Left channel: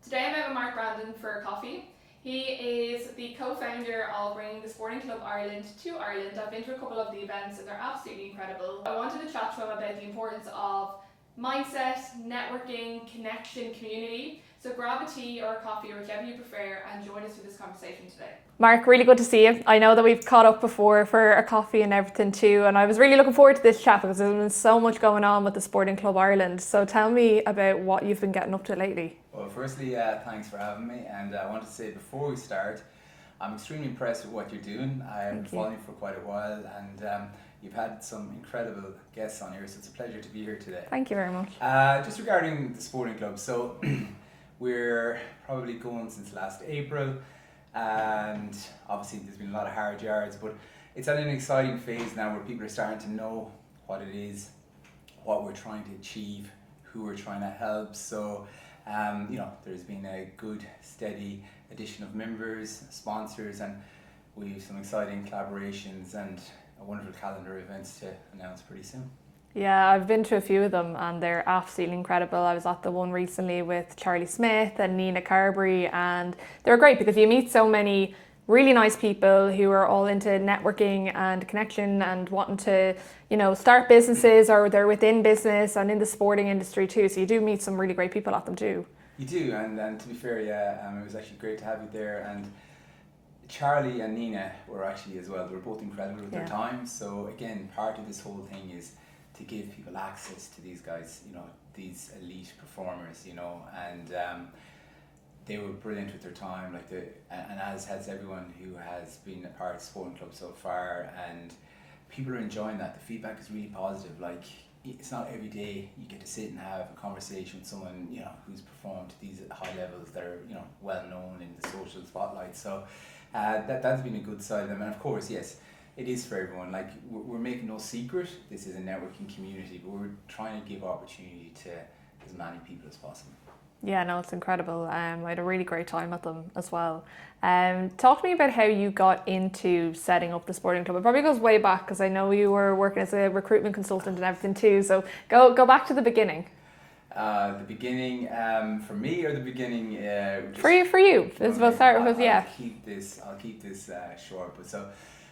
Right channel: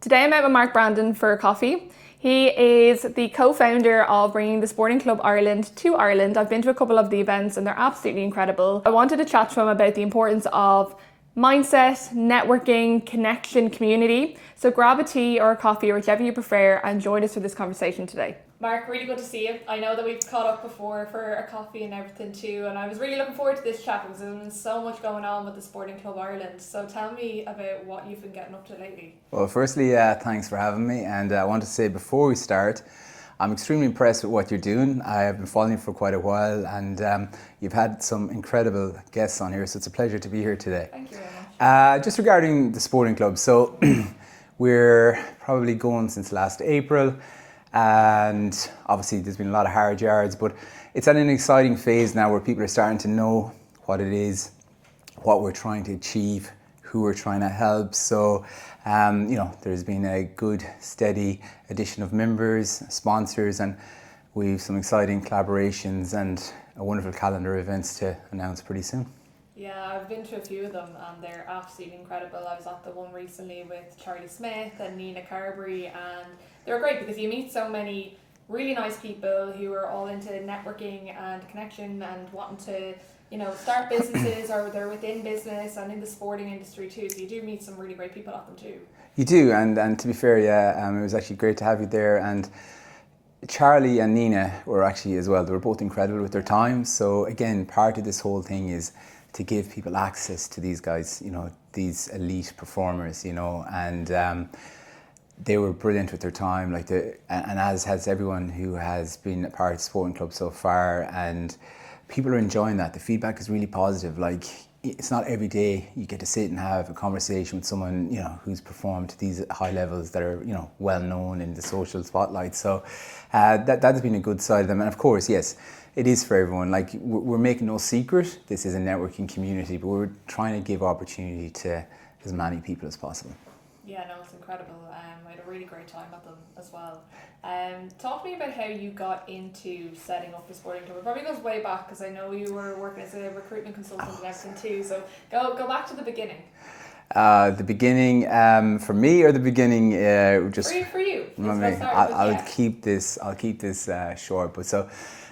Today I'm out with Mark Brandon for coffee. He is the co-founder of bringing the Sporting Club Ireland to Ireland. I've been to a couple of the events and they're absolutely incredible. I wanted to chat to him about the importance of mindset, networking, connection, community. So grab a tea or a coffee or whichever you prefer and join us for this conversation today. Mark, really good to see you. I know that we've caught up before for a coffee and everything too, and I was really looking forward to this chat because there's been so much going on with the Sporting Club Ireland. So tell me about what you've been getting up to lately. Well, firstly, thanks for having me, and I want to say before we start, I'm extremely impressed with what you're doing. I have been following you for quite a while, and you've had some incredible guests on here, so it's a pleasure to be here today. Thank you very much. Just regarding the Sporting Club, so we're probably going since last April, and obviously there's been a lot of hard yards, but it's at an exciting phase now where people are starting to know what it is, what we're trying to achieve, who we're trying to help. So, there's been a good, steady addition of members, sponsors, and we've some exciting collaborations and a wonderful calendar of events to announce pretty soon. Yeah, I've been to a few of them and they're absolutely incredible. I was at the one recently with Charlie Smith and Nina Carberry, and they were great because you meet so many really nice people who are all into networking and connection and wanting to, start businesses or they're within business and in the sporting industry too. So you do meet some really great people at them too. You do, and to be fair, it was actually great to have you there. And Charlie and Nina were actually as well, they were both incredible with their time. So again, part of this whole thing is to give people access to these guys, these elite performers, and they were brilliant with their time, and as has everyone who has been a part of the Sporting Club so far, and people are enjoying that. The feedback is really positive. It's not every day you get to sit and have a conversation with someone, who's performed to these high levels that are, well known in the social spotlight. So that has been a good side of them. And of course, yes, it is for everyone. We're making no secret, this is a networking community, but we're trying to give opportunity to as many people as possible. Yeah, no, it's incredible. I had a really great time at them as well. Talk to me about how you got into setting up the Sporting Club. It probably goes way back because I know you were working as a recruitment consultant and everything too. So go back to the beginning. The beginning for me, or the beginning just for you. We'll start with I'll keep this short. But so,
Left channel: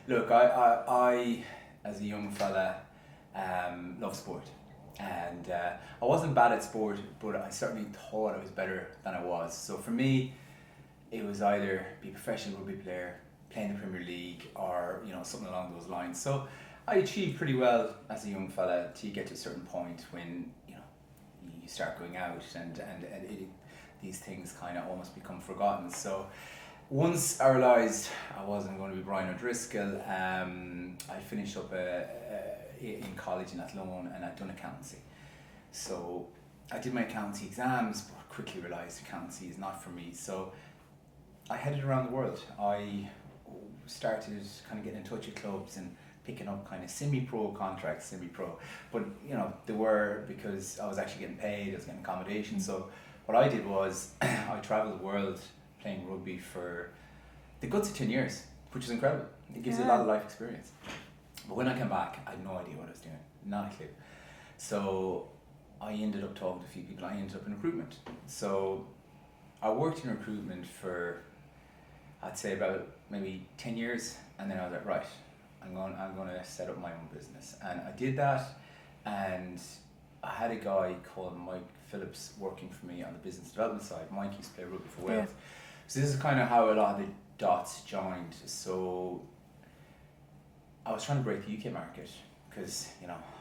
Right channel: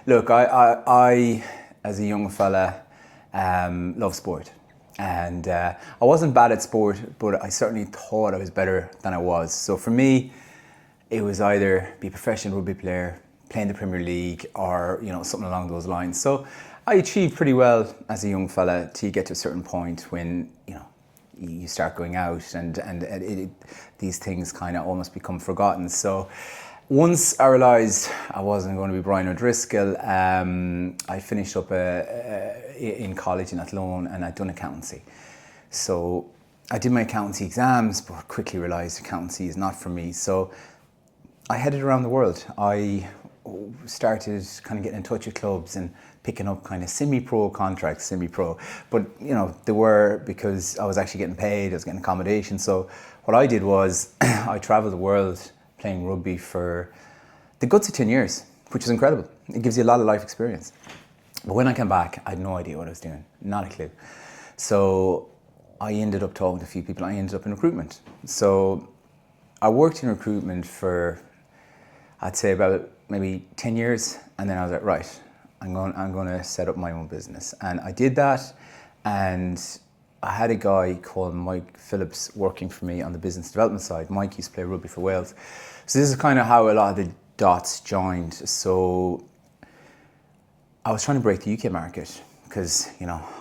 look, I as a young fella love sport. And I wasn't bad at sport, but I certainly thought I was better than I was. So for me, it was either be a professional rugby player, play in the Premier League, or something along those lines. So I achieved pretty well as a young fella till you get to a certain point when you start going out and these things kind of almost become forgotten. So once I realised I wasn't going to be Brian O'Driscoll, I finished up in college in Athlone, and I'd done accountancy. So I did my accountancy exams, but quickly realised accountancy is not for me. So I headed around the world. I started kind of getting in touch with clubs and picking up kind of semi-pro contracts, semi-pro. But, they were because I was actually getting paid, I was getting accommodation. So what I did was I travelled the world playing rugby for the guts of 10 years, which is incredible. It gives you a lot of life experience. But when I came back, I had no idea what I was doing, not a clue. So I ended up talking to a few people. I ended up in recruitment. So I worked in recruitment for, I'd say about maybe 10 years. And then I was like, right, I'm going to set up my own business. And I did that. And I had a guy called Mike Phillips working for me on the business development side. Mike used to play rugby for Wales. Yeah. So this is kind of how a lot of the dots joined. So I was trying to break the UK market because,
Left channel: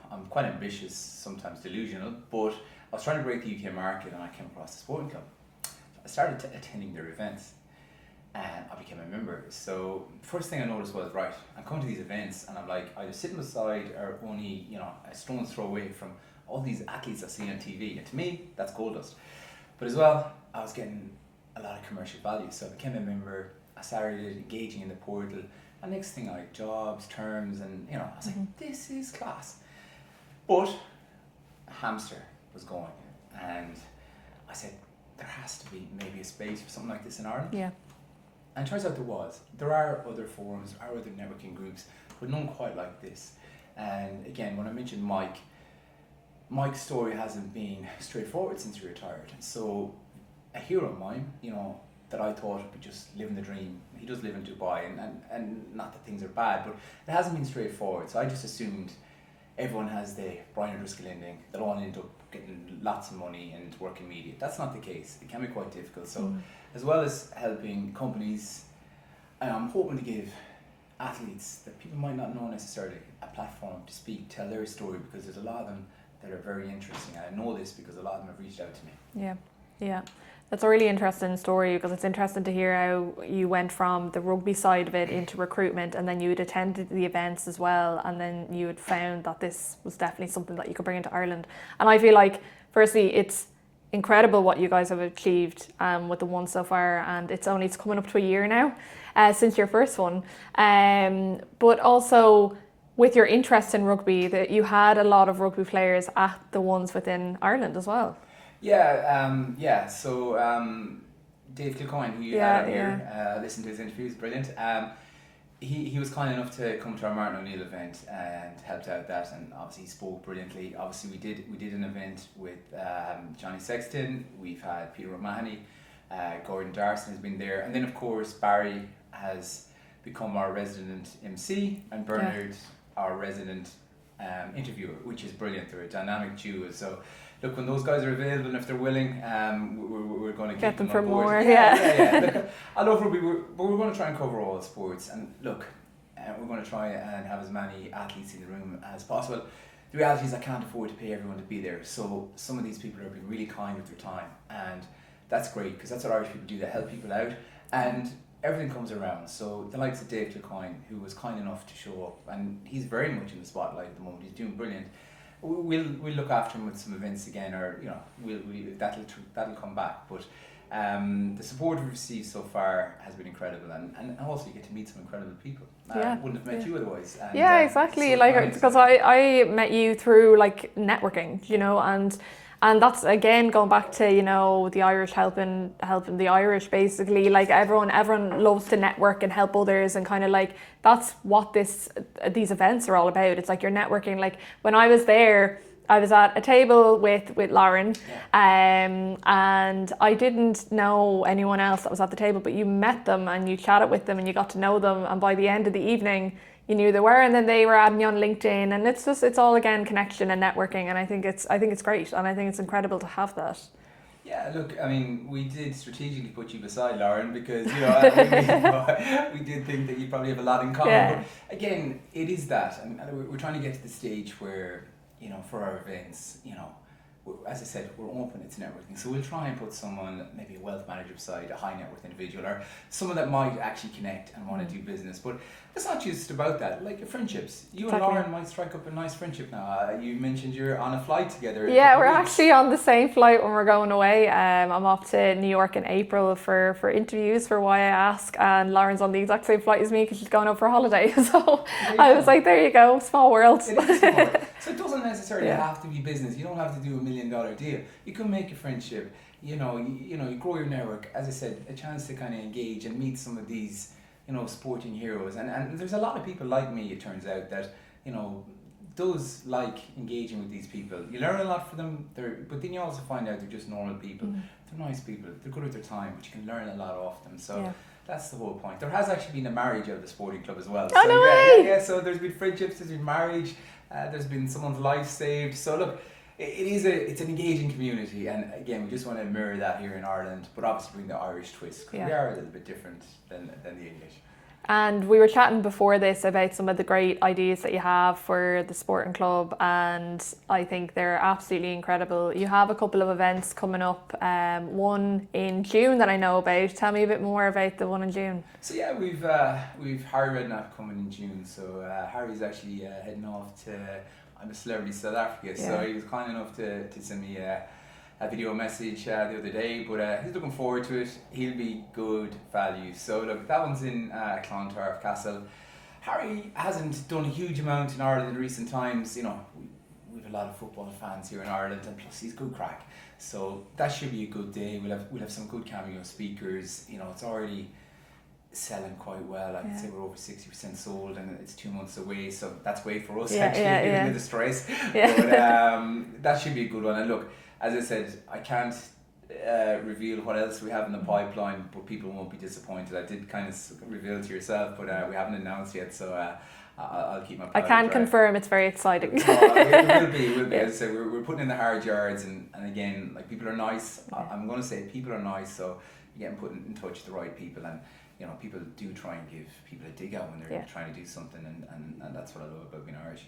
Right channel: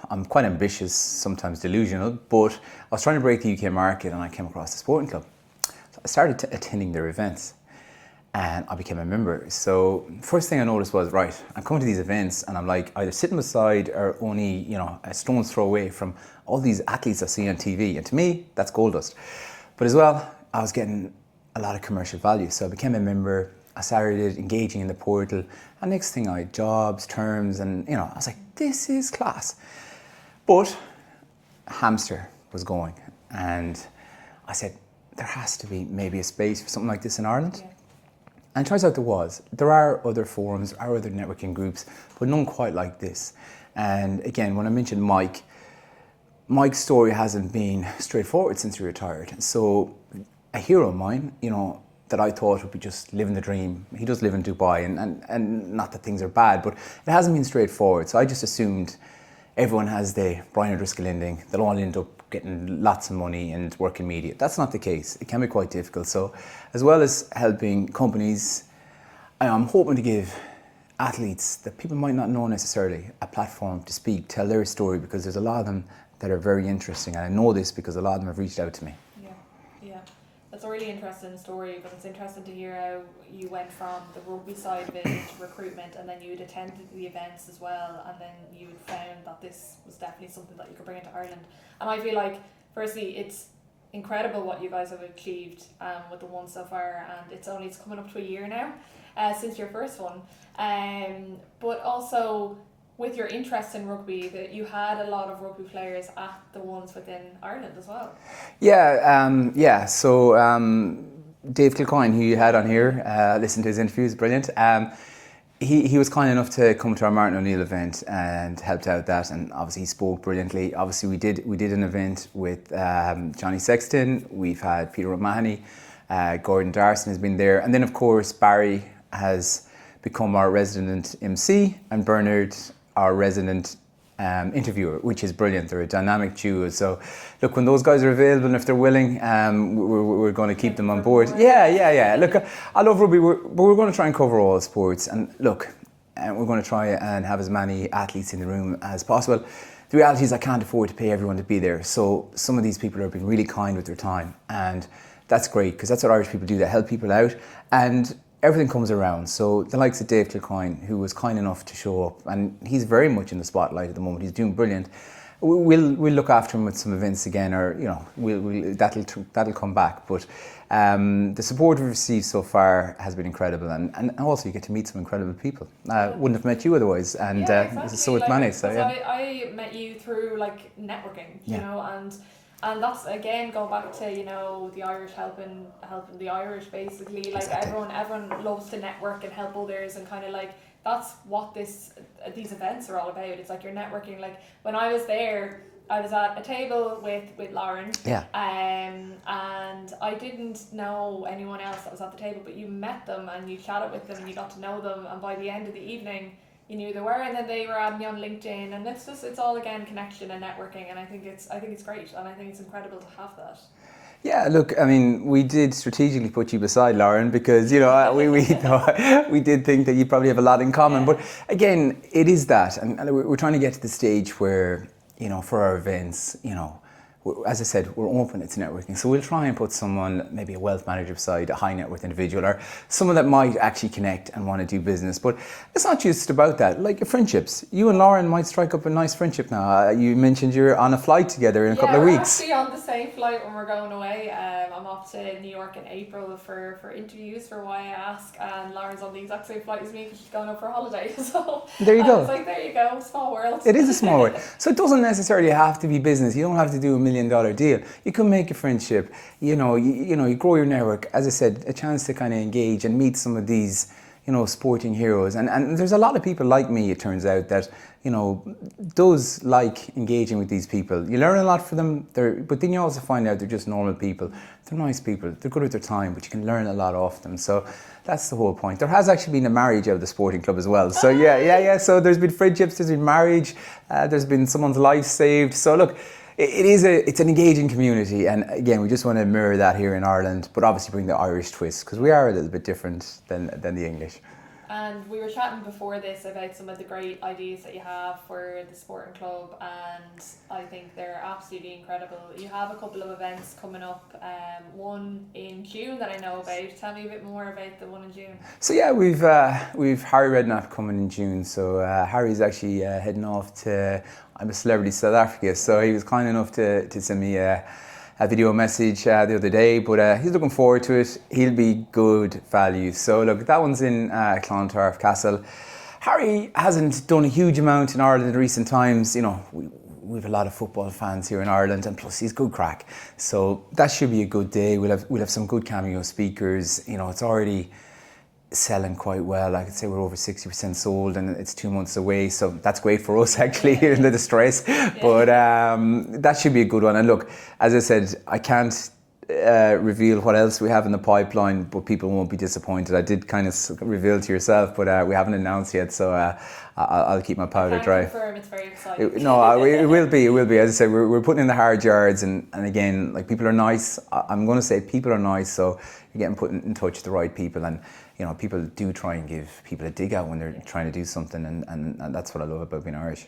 I'm quite ambitious, sometimes delusional, but I was trying to break the UK market and I came across the Sporting Club. So I started attending their events and I became a member. So first thing I noticed was, right, I'm coming to these events and I'm like either sitting beside or only, a stone's throw away from all these athletes I see on TV. And to me, that's gold dust. But as well, I was getting a lot of commercial value. So I became a member. I started engaging in the portal, and next thing I had jobs, terms, and I was like, this is class. But hamster was going, and I said, there has to be maybe a space for something like this in Ireland. Yeah. And it turns out there was. There are other forums, there are other networking groups, but none quite like this. And again, when I mentioned Mike's story hasn't been straightforward since he retired. So a hero of mine, you know, that I thought would be just living the dream. He does live in Dubai, and not that things are bad, but it hasn't been straightforward. So I just assumed everyone has the Brian O'Driscoll ending. They'll all end up getting lots of money and work in media. That's not the case. It can be quite difficult. So as well as helping companies, I'm hoping to give athletes that people might not know necessarily a platform to speak, tell their story, because there's a lot of them that are very interesting. And I know this because a lot of them have reached out to me. Yeah. That's a really interesting story, because it's interesting to hear how you went from the rugby side of it into recruitment, and then you had attended the events as well, and then you had found that this was definitely something that you could bring into Ireland. And I feel like, firstly, it's incredible what you guys have achieved with the one so far, and it's coming up to a year now since your first one. But also, with your interest in rugby, that you had a lot of rugby players at the ones within Ireland as well. Yeah. So Dave Kilcoyne, who you had on here, listened to his interviews, brilliant. He was kind enough to come to our Martin O'Neill event and helped out that, and obviously he spoke brilliantly. Obviously we did an event with Johnny Sexton. We've had Peter O'Mahony, Gordon Darson has been there, and then of course Barry has become our resident MC, and Bernard our resident interviewer, which is brilliant. They're a dynamic duo. So look, when those guys are available and if they're willing, we're going to keep them on board. More, yeah. Look, I love rugby, but we're going to try and cover all sports. And look, we're going to try and have as many athletes in the room as possible. The reality is I can't afford to pay everyone to be there. So some of these people are being really kind with their time. And that's great, because that's what Irish people do. They help people out. And everything comes around. So the likes of Dave Kilcoyne, who was kind enough to show up, and he's very much in the spotlight at the moment. He's doing brilliant. We'll look after him with some events again, or you know, that'll come back. But the support we've received so far has been incredible, and also you get to meet some incredible people. Wouldn't have met you otherwise. And exactly. So Because I met you through like networking, you know, and that's again going back to, you know, the Irish helping the Irish, basically. Like exactly. everyone loves to network and help others, and kind of like that's what these events are all about. It's like you're networking. Like when I was there, I was at a table with Lauren, and I didn't know anyone else that was at the table, but you met them and you chatted with them and you got to know them, and by the end of the evening you knew they were, and then they were adding you on LinkedIn, and it's all again connection and networking, and I think it's great, and I think it's incredible to have that. Yeah, look, I mean, we did strategically put you beside Lauren because, you know, we did think that you probably have a lot in common. But again, it is that, and we're trying to get to the stage where, you know, for our events, you know, as I said, we're open, it's networking. So we'll try and put someone, maybe a wealth manager beside a high net worth individual, or someone that might actually connect and want to do business. But it's not just about that, like your friendships. You and Lauren might strike up a nice friendship now. You mentioned you're on a flight together in a couple of weeks. Yeah, we're actually on the same flight when we're going away. I'm off to New York in April for interviews for Why I Ask, and Lauren's on the exact same flight as me because she's going out for a holiday. So I was like, there you go, small world. It is a small world. So it doesn't necessarily have to be business. You don't have to do $1 million deal. You can make a friendship. You grow your network. As I said, a chance to kind of engage and meet some of these, you know, sporting heroes. And there's a lot of people like me, it turns out, that, you know, does like engaging with these people. You learn a lot from them, but then you also find out they're just normal people. They're nice people. They're good with their time, but you can learn a lot off them. So that's the whole point. There has actually been a marriage out of the sporting club as well. So yeah. So there's been friendships, there's been marriage, there's been someone's life saved. So look, it's an engaging community, and again, we just want to mirror that here in Ireland, but obviously bring the Irish twist, because we are a little bit different than the English. And we were chatting before this about some of the great ideas that you have for the sporting club, and I think they're absolutely incredible. You have a couple of events coming up, one in June that I know about. Tell me a bit more about the one in June. So yeah, we've Harry Redknapp coming in June. So Harry's actually heading off to I'm a Celebrity South Africa, so he was kind enough to send me a video message the other day, but he's looking forward to it. He'll be good value. So look, that one's in Clontarf Castle. Harry hasn't done a huge amount in Ireland in recent times. You know, we've a lot of football fans here in Ireland, and plus he's good crack. So that should be a good day. We'll have some good cameo speakers. You know, it's already selling quite well. I could say we're over 60% sold, and it's 2 months away, so that's great for us in the stress. But that should be a good one. And look, as I said, I can't reveal what else we have in the pipeline, but people won't be disappointed. I did kind of reveal to yourself, but we haven't announced yet, so I'll keep my powder dry. I can confirm it's very exciting. No, it will be. It will be. As I said, we're putting in the hard yards, and again, like, people are nice. I'm going to say people are nice, so you're getting put in touch with the right people, and people do try and give people a dig out when they're trying to do something, and that's what I love about being Irish.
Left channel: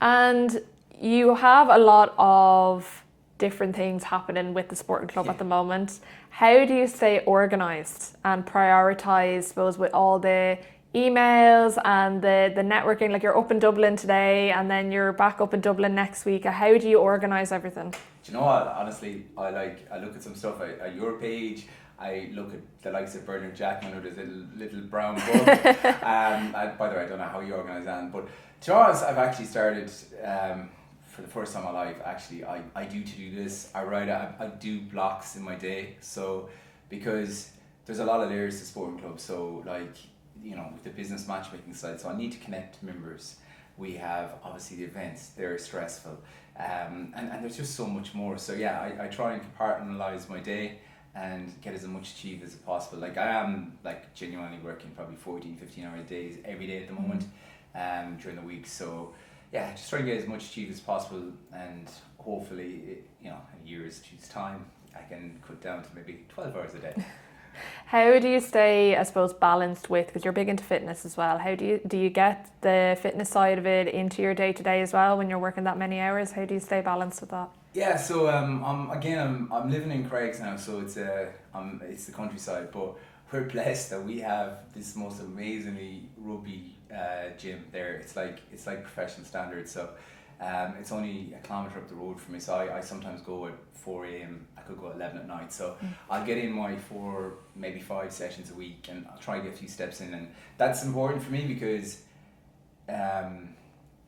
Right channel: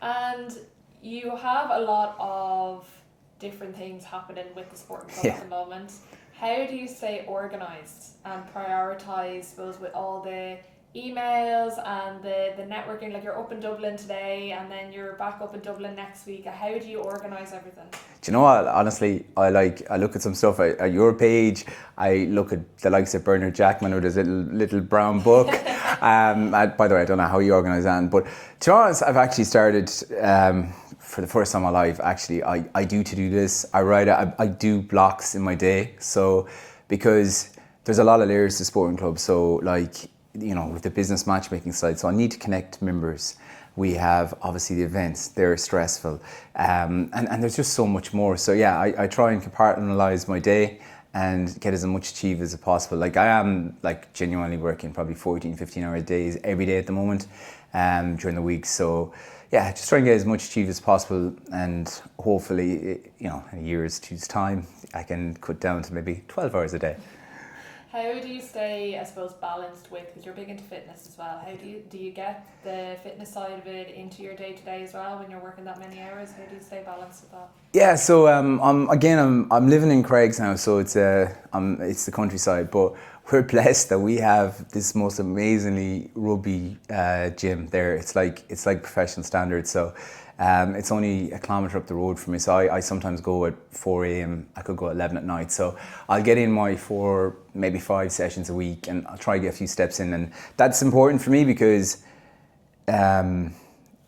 And you have a lot of different things happening with the sporting club at the moment. How do you stay organised and prioritise, I suppose, with all the emails and the networking? Like, you're up in Dublin today and then you're back up in Dublin next week. How do you organise everything? Do you know what? Honestly, I look at some stuff at your page. I look at the likes of Bernard Jackman with his little brown book. By the way, I don't know how you organise that, but to be honest, I've actually started for the first time in my life. Actually, I do to-do lists. I do blocks in my day. So, because there's a lot of layers to sporting clubs. So, like, with the business matchmaking side, so I need to connect members. We have obviously the events; they're stressful, and there's just so much more. So yeah, I try and compartmentalize my day and get as much achieved as possible. Like, I am, like, genuinely working probably 14, 15-hour days every day at the moment, during the week. So yeah, just try and get as much achieved as possible, and hopefully, in a year's time, I can cut down to maybe 12 hours a day. How do you stay, I suppose, balanced with, because you're big into fitness as well, how do you get the fitness side of it into your day-to-day as well when you're working that many hours? How do you stay balanced with that? Yeah, so I'm living in Craigs now, so it's the countryside, but we're blessed that we have this most amazingly rugby gym there. It's like professional standards. So it's only a kilometre up the road from me. So I sometimes go at 4 a.m. I could go at 11 at night. So I'll get in my 4, maybe 5 sessions a week, and I'll try to get a few steps in. And that's important for me because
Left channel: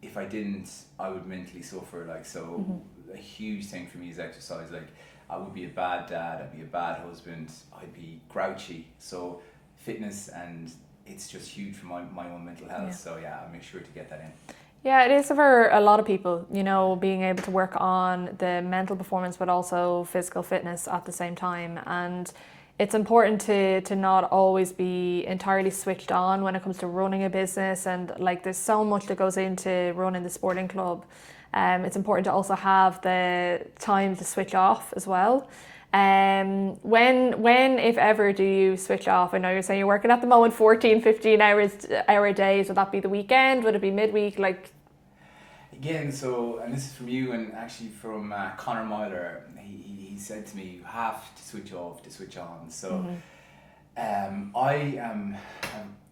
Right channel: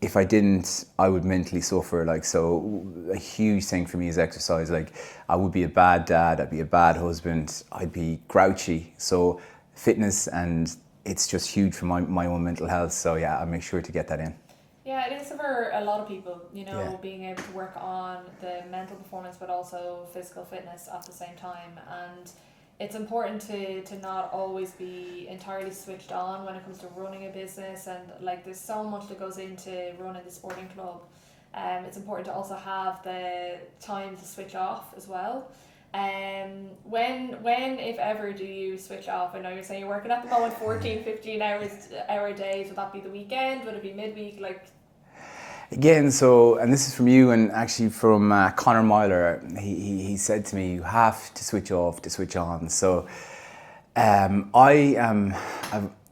if I didn't, I would mentally suffer. Like, so a huge thing for me is exercise. Like, I would be a bad dad, I'd be a bad husband, I'd be grouchy. So fitness, and it's just huge for my own mental health. So yeah, I make sure to get that in. Yeah, it is for a lot of people, being able to work on the mental performance but also physical fitness at the same time. And it's important to not always be entirely switched on when it comes to running a business, and like, there's so much that goes into running the sporting club. It's important to also have the time to switch off as well. When, if ever, do you switch off? I know you're saying you're working at the moment 14, 15 hour days. Would that be the weekend? Would it be midweek? Like, again, so, and this is from you, and actually from Conor Myler. He said to me, you have to switch off to switch on. So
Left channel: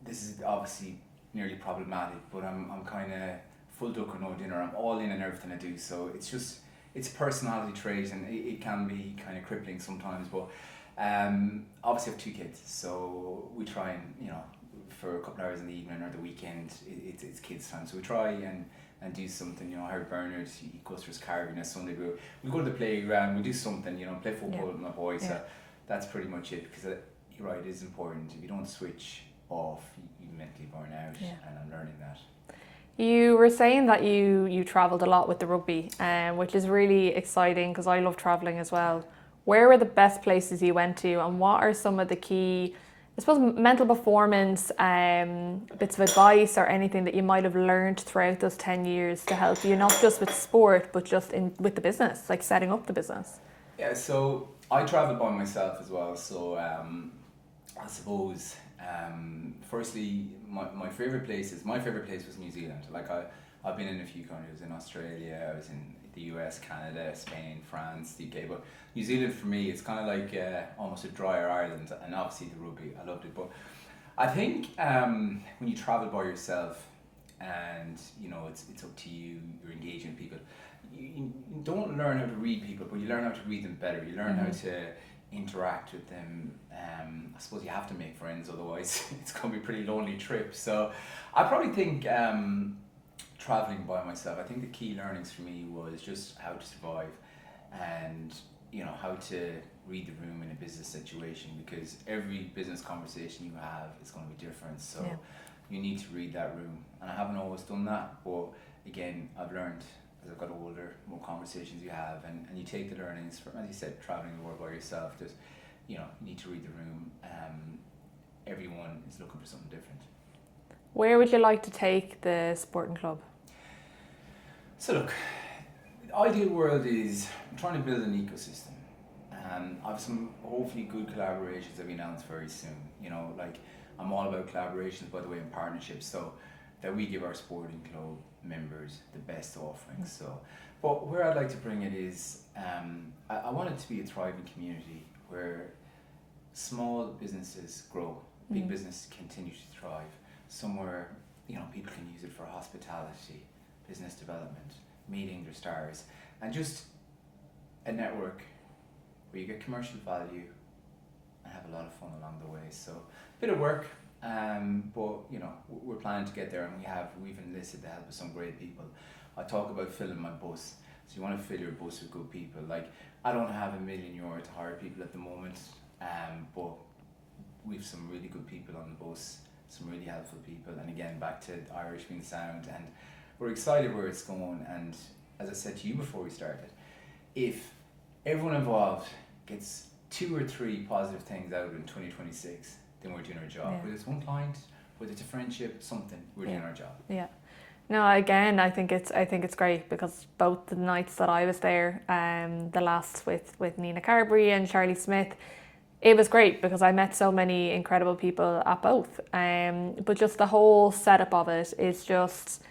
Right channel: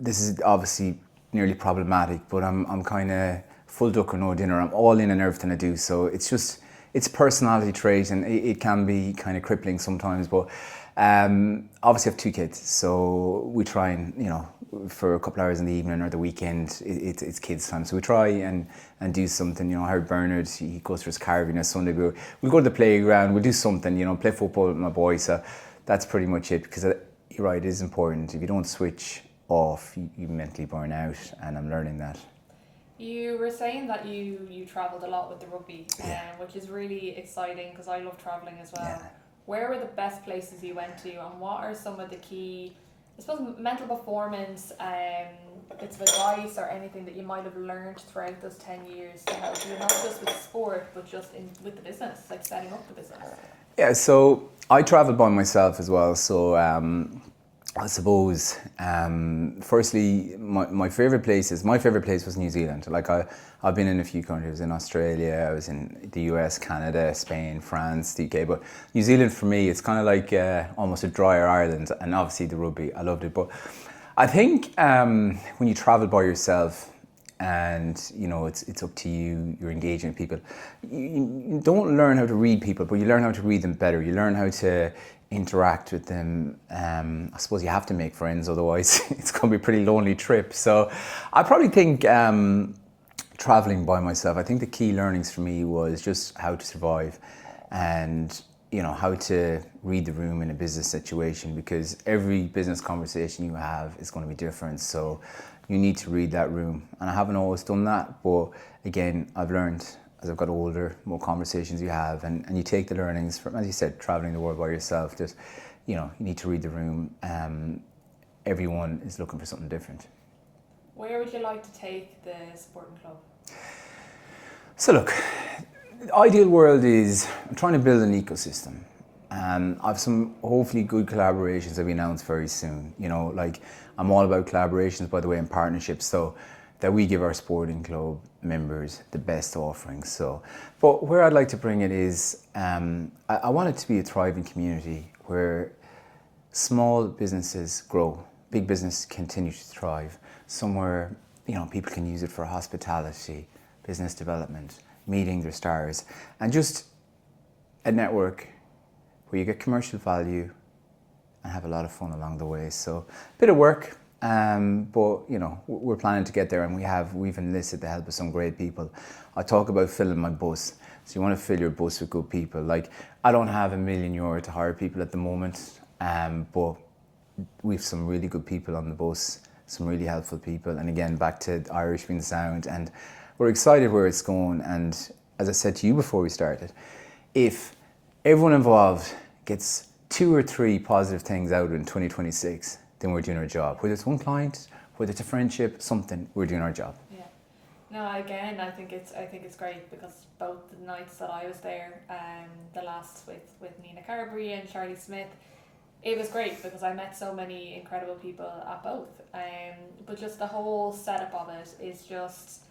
this is obviously nearly problematic, but I'm kind of full duck or no dinner. I'm all in on everything I do. So it's a personality trait, and it can be kind of crippling sometimes. But obviously I have 2 kids, so we try and, for a couple hours in the evening or the weekend, it's kids' time. So we try and do something. Harry Bernard, he goes for his carving on Sunday. We'll go to the playground, we'll do something, play football with my boys. So that's pretty much it, because you're right, it is important. If you don't switch off, you mentally burn out, and I'm learning that. You were saying that you travelled a lot with the rugby, which is really exciting because I love travelling as well. Yeah. Where were the best places you went to, and what are some of the key, I suppose, mental performance bits of advice or anything that you might have learned throughout those 10 years to help you, not just with sport, but just with the business, like setting up the business? Yeah, so I travel by myself as well. So I suppose, firstly, my favourite place was New Zealand. Like, I've been in a few countries. I was in Australia, I was in the US, Canada, Spain, France, the UK. But New Zealand, for me, it's kind of like almost a drier Ireland. And obviously the rugby, I loved it. But I think when you travel by yourself, and it's up to you, you're engaging with people, you don't learn how to read people, but you learn how to read them better. You learn how to interact with them. I suppose you have to make friends, otherwise it's going to be a pretty lonely trip. So I probably think traveling by myself, I think the key learnings for me was just how to survive, and how to read the room in a business situation, because every business conversation you have is going to be different. So you need to read that room, and I haven't always done that, but again, I've learned as I've got older, more conversations you have, and you take the learnings from, as you said, traveling the world by yourself. There's, you need to read the room. Everyone is looking for something different. Where would you like to take the sporting club? So look, the ideal world is I'm trying to build an ecosystem. I have some hopefully good collaborations that we announce very soon. Like I'm all about collaborations, by the way, and partnerships, so that we give our sporting club members the best offerings. So, but where I'd like to bring it is, I want it to be a thriving community where small businesses grow, big business continue to thrive. Somewhere, people can use it for hospitality, business development, meeting their stars, and just a network where you get commercial value and have a lot of fun along the way. So a bit of work, but we're planning to get there, and we've enlisted the help of some great people. I talk about filling my bus. So you want to fill your bus with good people. Like, I don't have €1 million to hire people at the moment, but we've some really good people on the bus, some really helpful people, and again, back to Irish being the sound, and we're excited where it's going. And as I said to you before we started, if everyone involved gets 2 or 3 positive things out in 2026, then we're doing our job. Yeah. Whether it's one client, whether it's a friendship, something, we're doing our job. Yeah. No, again, I think it's great, because both the nights that I was there, the last with Nina Carberry and Charlie Smith, it was great because I met so many incredible people at both. But just the whole setup of it is just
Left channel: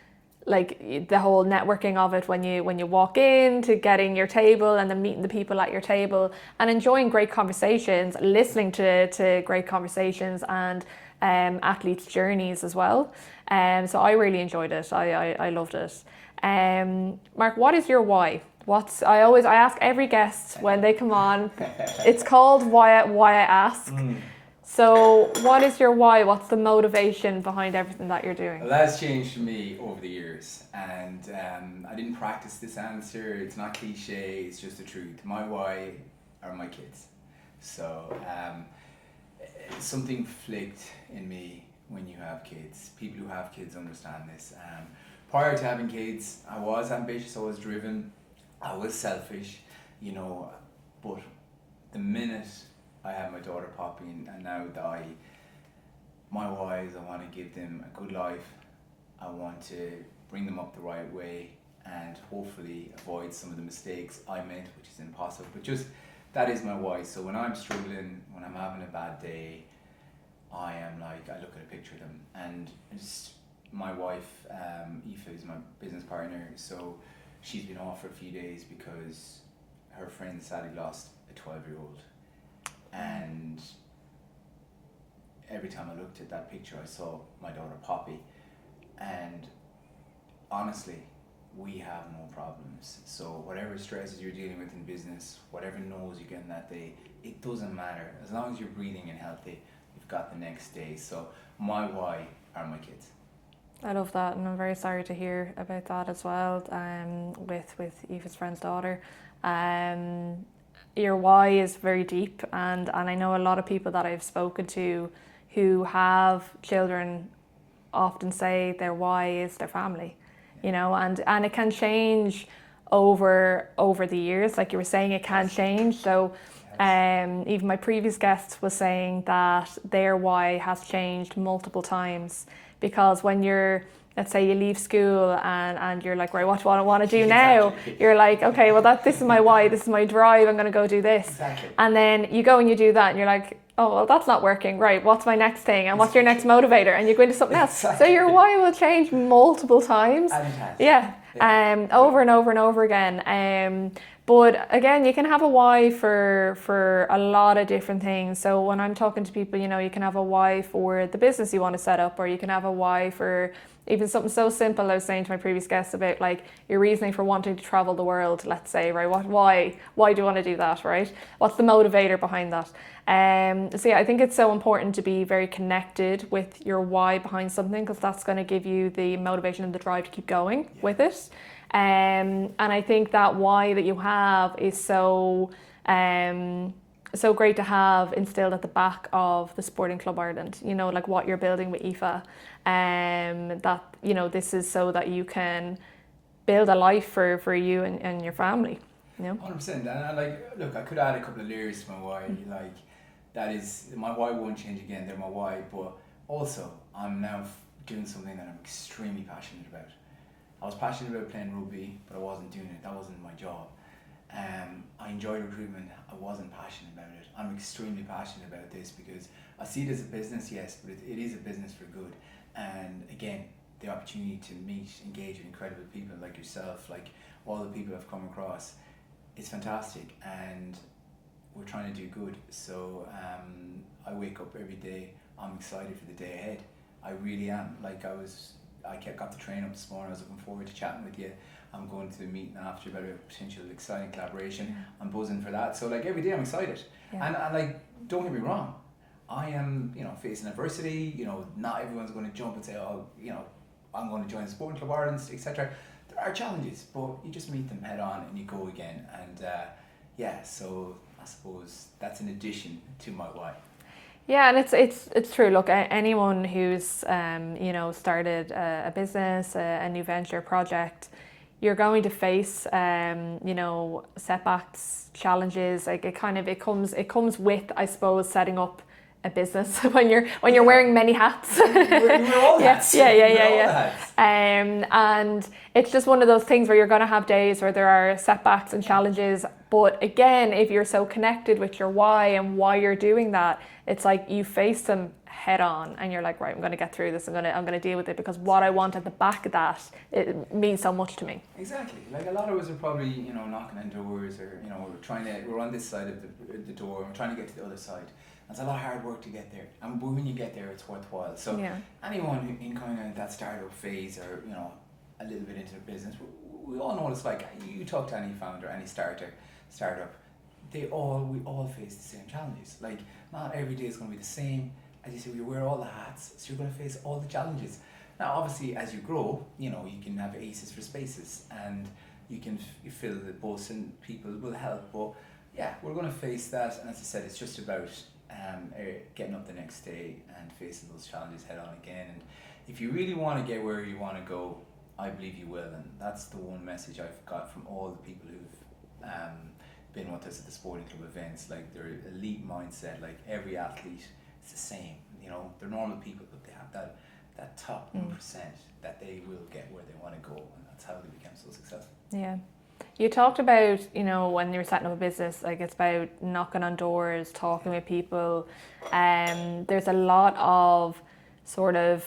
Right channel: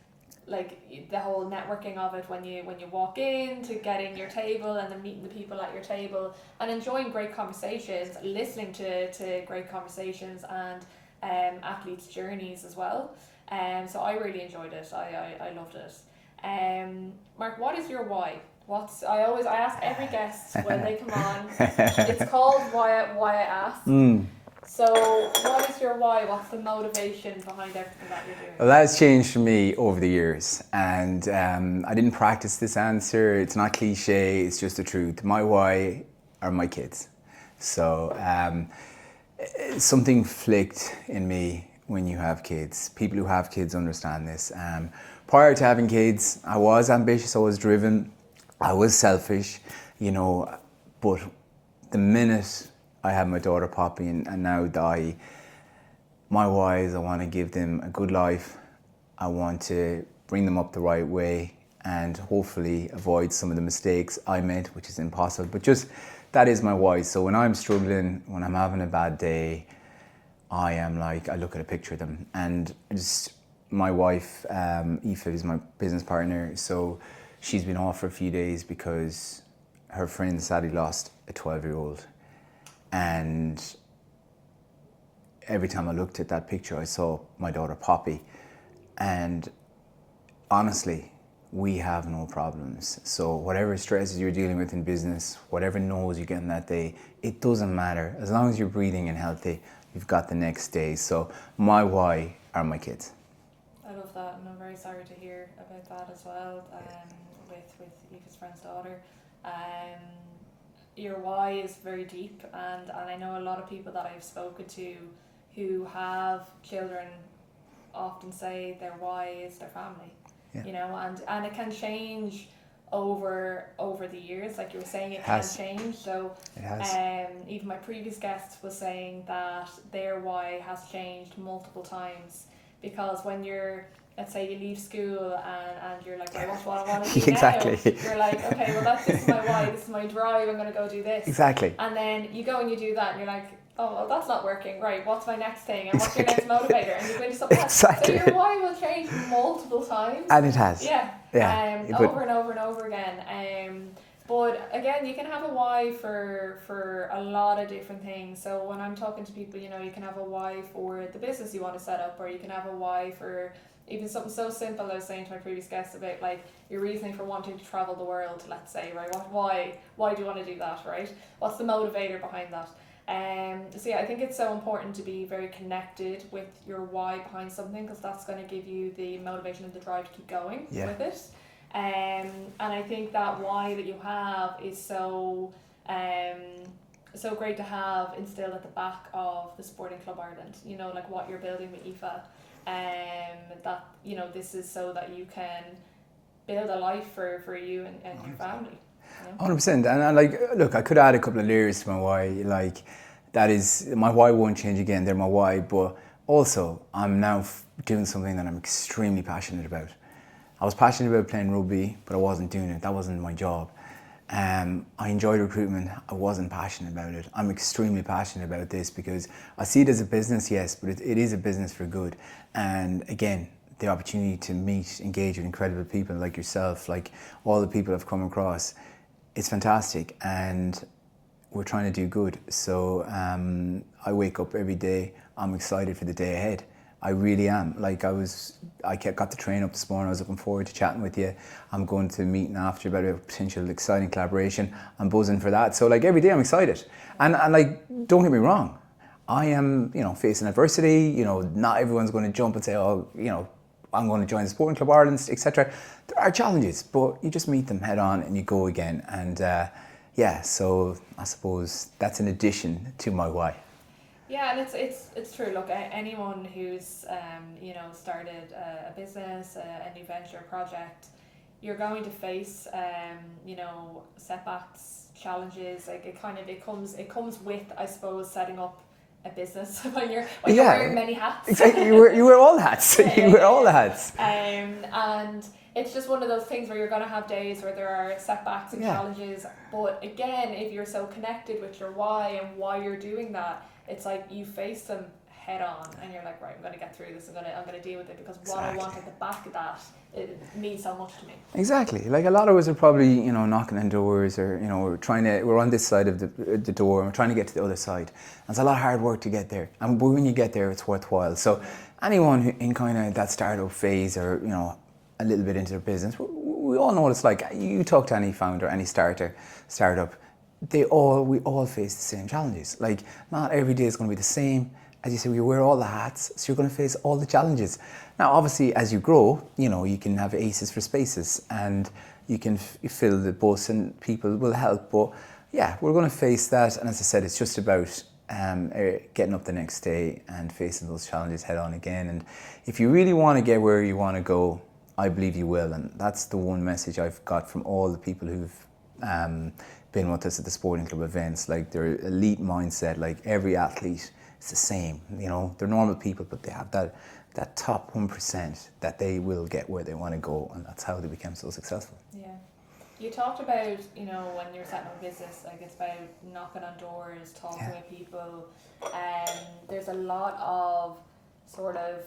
like the whole networking of it when you walk in, to getting your table and then meeting the people at your table and enjoying great conversations, listening to great conversations and athletes' journeys as well. So I really enjoyed it. I loved it. Mark, what is your why? I ask every guest when they come on. It's called why I ask. So what is your why? What's the motivation behind everything that you're doing? Well, that's changed for me over the years, and I didn't practice this answer. It's not cliche, it's just the truth. My why are my kids. So something flicked in me when you have kids. People who have kids understand this. Prior to having kids, I was ambitious, I was driven, I was selfish, but the minute I had my daughter Poppy and now Di, my why is I want to give them a good life. I want to bring them up the right way and hopefully avoid some of the mistakes I made, which is impossible, but just that is my why. So when I'm struggling, when I'm having a bad day, I look at a picture of them, and just my wife, Aoife, is my business partner. So she's been off for a few days because her friend sadly lost a 12-year-old. And every time I looked at that picture, I saw my daughter Poppy. And honestly, we have no problems. So whatever stresses you're dealing with in business, whatever no's you get in that day, it doesn't matter. As long as you're breathing and healthy, you've got the next day. So my why are my kids. I love that, and I'm very sorry to hear about that as well, with Aoife's friend's daughter. Your why is very deep, and I know a lot of people that I've spoken to who have children often say their why is their family. Yeah. And it can change over the years, like you were saying, it can change. So even my previous guest was saying that their why has changed multiple times, because when you're, let's say you leave school and you're like, right, what do I want to do now? You're like, okay, well this is my why, this is my drive, I'm going to go do this. Exactly. And then you go and you do that and you're like, oh, well, that's not working. Right, what's my next thing? And what's your next motivator? And you go into something else. So your why will change multiple times. And it has. Yeah. Over and over and over again. But again, you can have a why for a lot of different things. So when I'm talking to people, you can have a why for the business you want to set up, or you can have a why for even something so simple. I was saying to my previous guest about like your reasoning for wanting to travel the world, let's say, right? Why do you want to do that, right? What's the motivator behind that? So yeah, I think it's so important to be very connected with your why behind something, because that's going to give you the motivation and the drive to keep going with it. And I think that why that you have is so great to have instilled at the back of the Sporting Club Ireland, like what you're building with Aoife, that this is so that you can build a life for you and your family. You know? 100%. And like, look, I could add a couple of layers to my why. Like, that is, my why won't change again. They're my why. But also, I'm now doing something that I'm extremely passionate about. I was passionate about playing rugby, but I wasn't doing it. That wasn't my job. I enjoyed recruitment. I wasn't passionate about it. I'm extremely passionate about this because I see it as a business, yes, but it is a business for good. And again, the opportunity to meet, engage with incredible people like yourself, like all the people I've come across, it's fantastic. And we're trying to do good. So I wake up every day. I'm excited for the day ahead. I really am. Like got the train up this morning. I was looking forward to chatting with you. I'm going to a meeting after about a potential exciting collaboration. I'm buzzing for that. So like every day I'm excited. Yeah. And like, don't get me wrong. I am, facing adversity. Not everyone's going to jump and say, oh, I'm going to join the Sporting Club Ireland, etc. There are challenges, but you just meet them head on and you go again. And so I suppose that's an addition to my why. Yeah, and it's true. Look, anyone who's started a business, a new venture project, you're going to face setbacks, challenges. Like it comes with, I suppose, setting up a business when you're wearing many hats. You wear all the hats. Yeah. You wear all the hats. And it's just one of those things where you're going to have days where there are setbacks and challenges. But again, if you're so connected with your why and why you're doing that, it's like you face them head on and you're like, right, I'm going to get through this. I'm going to deal with it because what I want at the back of that, it means so much to me. Exactly. Like a lot of us are probably, knocking on doors or, we're on this side of the door and we're trying to get to the other side. And it's a lot of hard work to get there. And when you get there, it's worthwhile. So anyone who in kind of that startup phase or, a little bit into their business, we all know what it's like. You talk to any founder, any startup, we all face the same challenges. Like not every day is going to be the same. As you say, we wear all the hats, so you're going to face all the challenges. Now, obviously, as you grow, you can have aces for spaces and you can fill the bus and people will help. But yeah, we're going to face that. And as I said, it's just about getting up the next day and facing those challenges head on again. And if you really want to get where you want to go, I believe you will. And that's the one message I've got from all the people who've been with us at the Sporting Club events. Like their elite mindset, like every athlete, it's the same. They're normal people, but they have that top 1% that they will get where they want to go, and that's how they become so successful. Yeah. You talked about, when you were setting up a business, like it's about knocking on doors, talking with people. There's a lot of sort of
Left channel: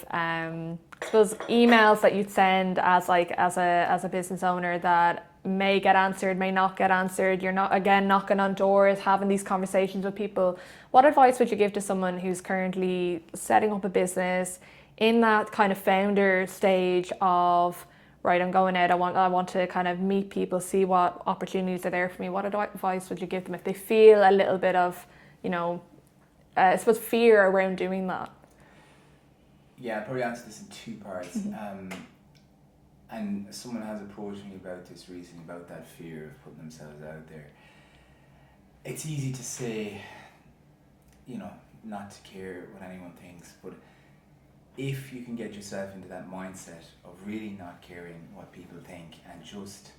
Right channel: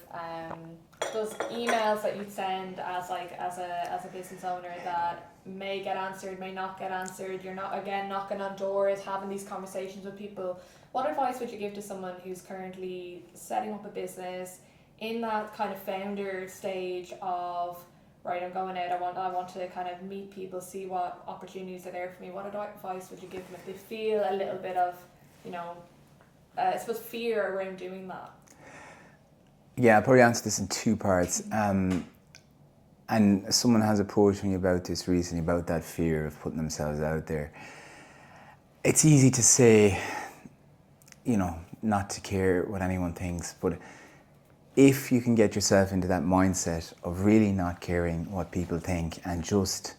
those emails that you'd send as a business owner that may get answered, may not get answered. You're not, again, knocking on doors, having these conversations with people. What advice would you give to someone who's currently setting up a business in that kind of founder stage of, right, I'm going out, I want to kind of meet people, see what opportunities are there for me? What advice would you give them if they feel a little bit of, I suppose, fear around doing that? Yeah, I'll probably answer this in two parts. And someone has approached me about this recently, about that fear of putting themselves out there. It's easy to say, not to care what anyone thinks, but if you can get yourself into that mindset of really not caring what people think and just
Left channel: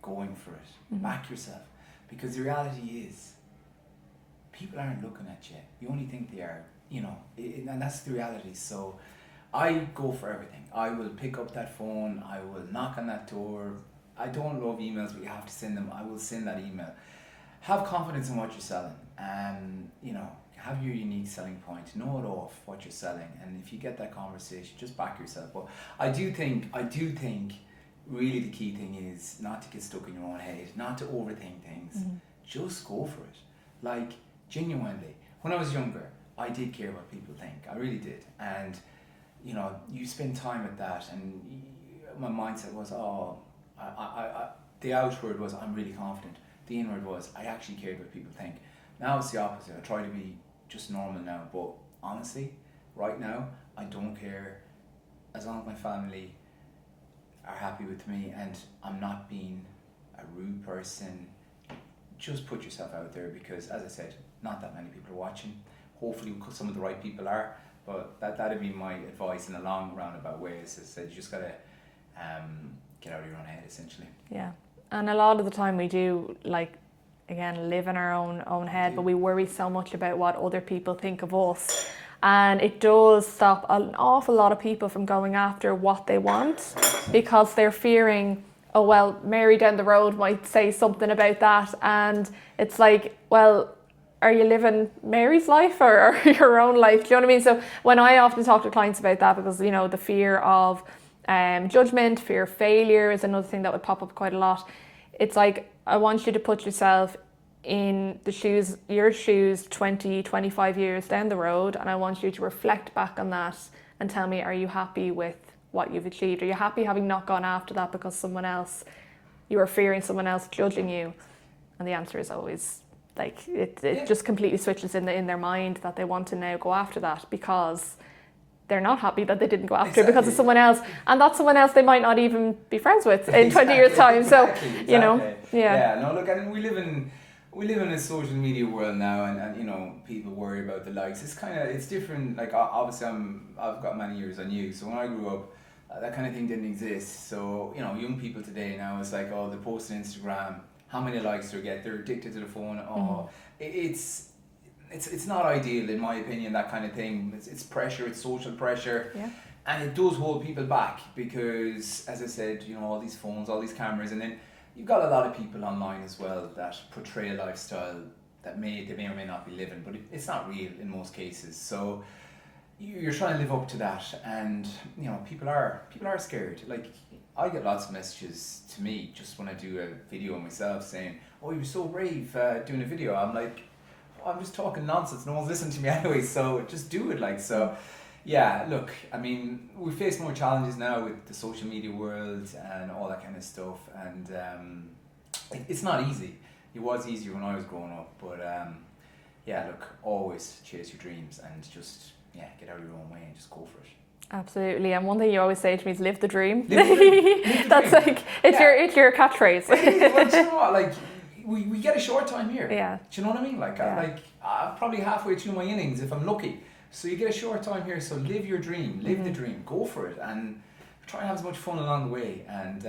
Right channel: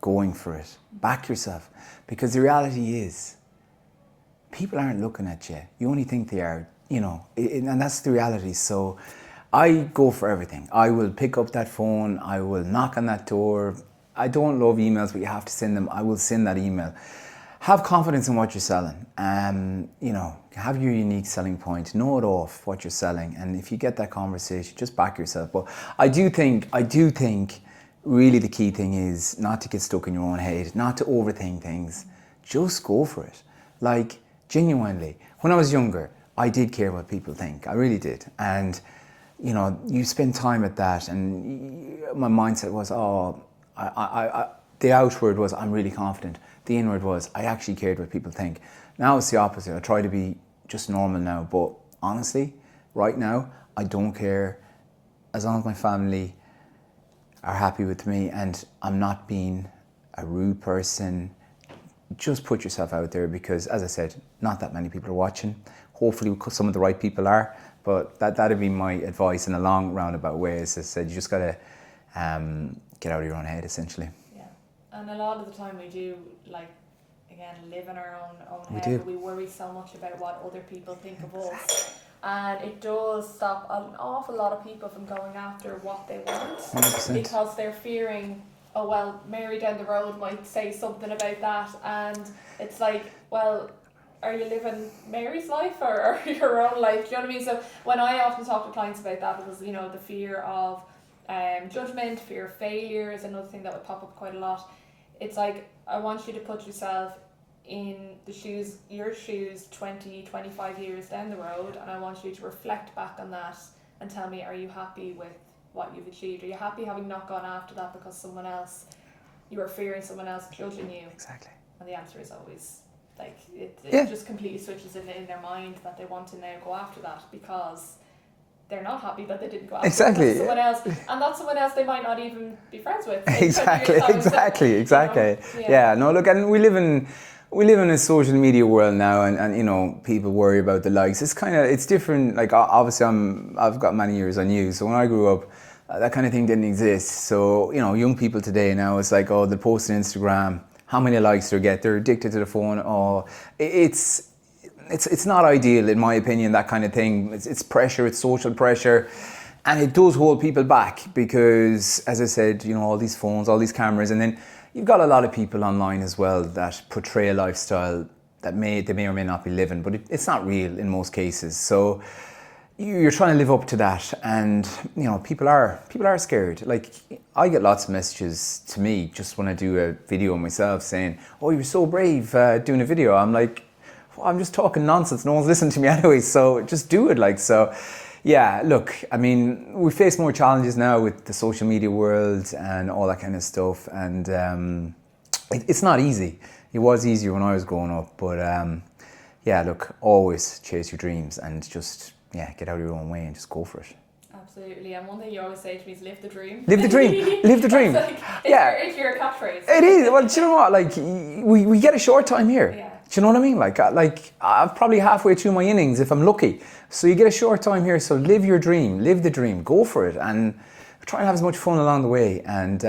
going for it, back yourself. Because the reality is, people aren't looking at you. You only think they are, and that's the reality. So I go for everything. I will pick up that phone. I will knock on that door. I don't love emails, but you have to send them. I will send that email. Have confidence in what you're selling. Have your unique selling point. Know it off what you're selling. And if you get that conversation, just back yourself. But I do think really the key thing is not to get stuck in your own head, not to overthink things. Just go for it. Like, genuinely. When I was younger, I did care what people think. I really did. And you spend time at that, and my mindset was, the outward was, I'm really confident. The inward was, I actually cared what people think. Now it's the opposite. I try to be just normal now, but honestly, right now, I don't care as long as my family are happy with me and I'm not being a rude person. Just put yourself out there because, as I said, not that many people are watching. Hopefully some of the right people are, but that'd be my advice in a long roundabout way. As I said, you just gotta get out of your own head, essentially. Yeah. And a lot of the time we do, like, again, live in our own head, but we worry so much about what other people think of us. And it does stop an awful lot of people from going after what they want 100%. because they're fearing, oh, well, Mary down the road might say something about that. And it's like, well, are you living Mary's life or your own life? Do you know what I mean? So when I often talk to clients about that, because, you know, the fear of judgment, fear of failure is another thing that would pop up quite a lot. It's like, I want you to put yourself in your shoes 20, 25 years down the road, and I want you to reflect back on that and tell me, are you happy with what you've achieved? Are you happy having not gone after that because you were fearing someone else judging you? Exactly. And the answer is always, like, it just completely switches in their mind that they want to now go after that because they're not happy that they didn't go after it because of someone else, and that's someone else they might not even be friends with in 20 years time. Exactly. You know, Yeah. No, look, and we live in a social media world now, and you know, people worry about the likes. It's different. Like, obviously I've got many years on you, so when I grew up, that kind of thing didn't exist. So, you know, young people today now, it's like, oh, they post on Instagram, how many likes they get, they're addicted to the phone. Oh, it's not ideal, in my opinion, that kind of thing. It's pressure, it's social pressure. Yeah. And it does hold people back because, as I said, you know, all these phones, all these cameras, and then you've got a lot of people online as well that portray a lifestyle that they may or may not be living, but it's not real in most cases. So you're trying to live up to that, and you know, people are scared. Like, I get lots of messages to me just when I do a video myself saying, "Oh, you're so brave doing a video." I'm like, I'm just talking nonsense. No one's listening to me anyway, so just do it. Like, so, yeah. Look, I mean, we face more challenges now with the social media world and all that kind of stuff, and it's not easy. It was easier when I was growing up, but yeah. Look, always chase your dreams and just get out of your own way and just go for it. Absolutely, and one thing you always say to me is live the dream. Live the dream. Live the dream. That's like, it's your catchphrase. It is. Well, do you know what? Like, we get a short time here. Yeah. Do you know what I mean? Like I'm probably halfway through my innings if I'm lucky. So you get a short time here. So live your dream. Live the dream. Go for it, and try and have as much fun along the way. And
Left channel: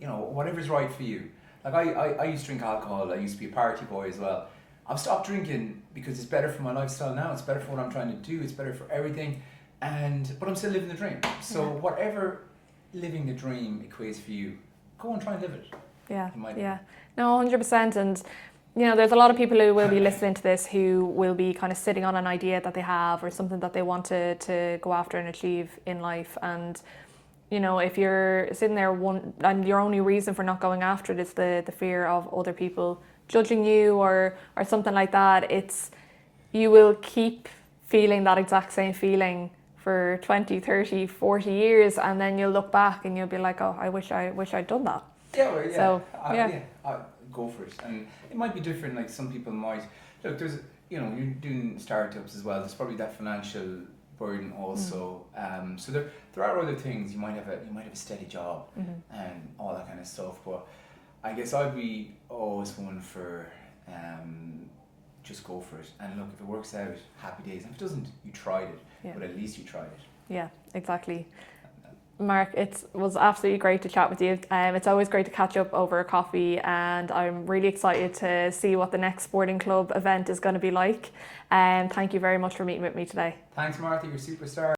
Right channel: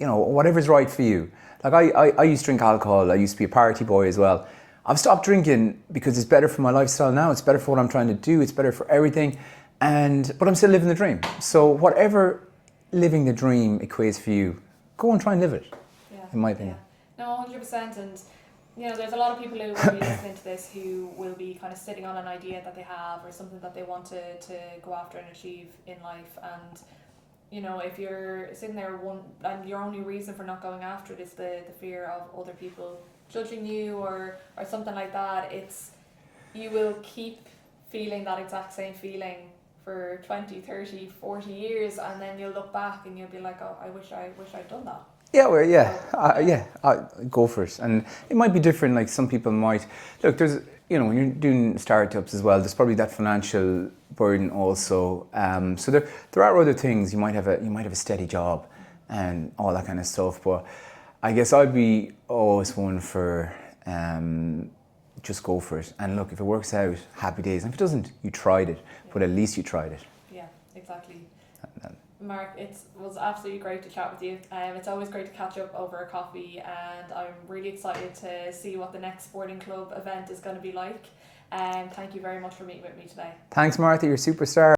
you know, whatever's right for you. Like, I used to drink alcohol. I used to be a party boy as well. I've stopped drinking because it's better for my lifestyle now. It's better for what I'm trying to do. It's better for everything. But I'm still living the dream. So whatever living the dream equates for you, go and try and live it. Yeah. In my opinion. Yeah. No, 100%. And you know, there's a lot of people who will be listening to this who will be kind of sitting on an idea that they have or something that they want to go after and achieve in life. And you know, if you're sitting there and your only reason for not going after it is the fear of other people judging you or something like that, you will keep feeling that exact same feeling for 20, 30, 40 years, and then you'll look back and you'll be like, oh, I wish I'd done that. Yeah, well, yeah. So, Go for it. And it might be different. Like, some people might look. There's, you know, when you're doing startups as well, there's probably that financial burden also. So there are other things. You might have a steady job and all that kind of stuff. But I guess I'd be always one for just go for it. And look, if it works out, happy days. And if it doesn't, you tried it. Yeah. But at least you tried it. Yeah, exactly. Mark, it was absolutely great to chat with you. It's always great to catch up over a coffee, and I'm really excited to see what the next sporting club event is going to be like. Thank you very much for meeting with me today. Thanks, Martha. You're a superstar.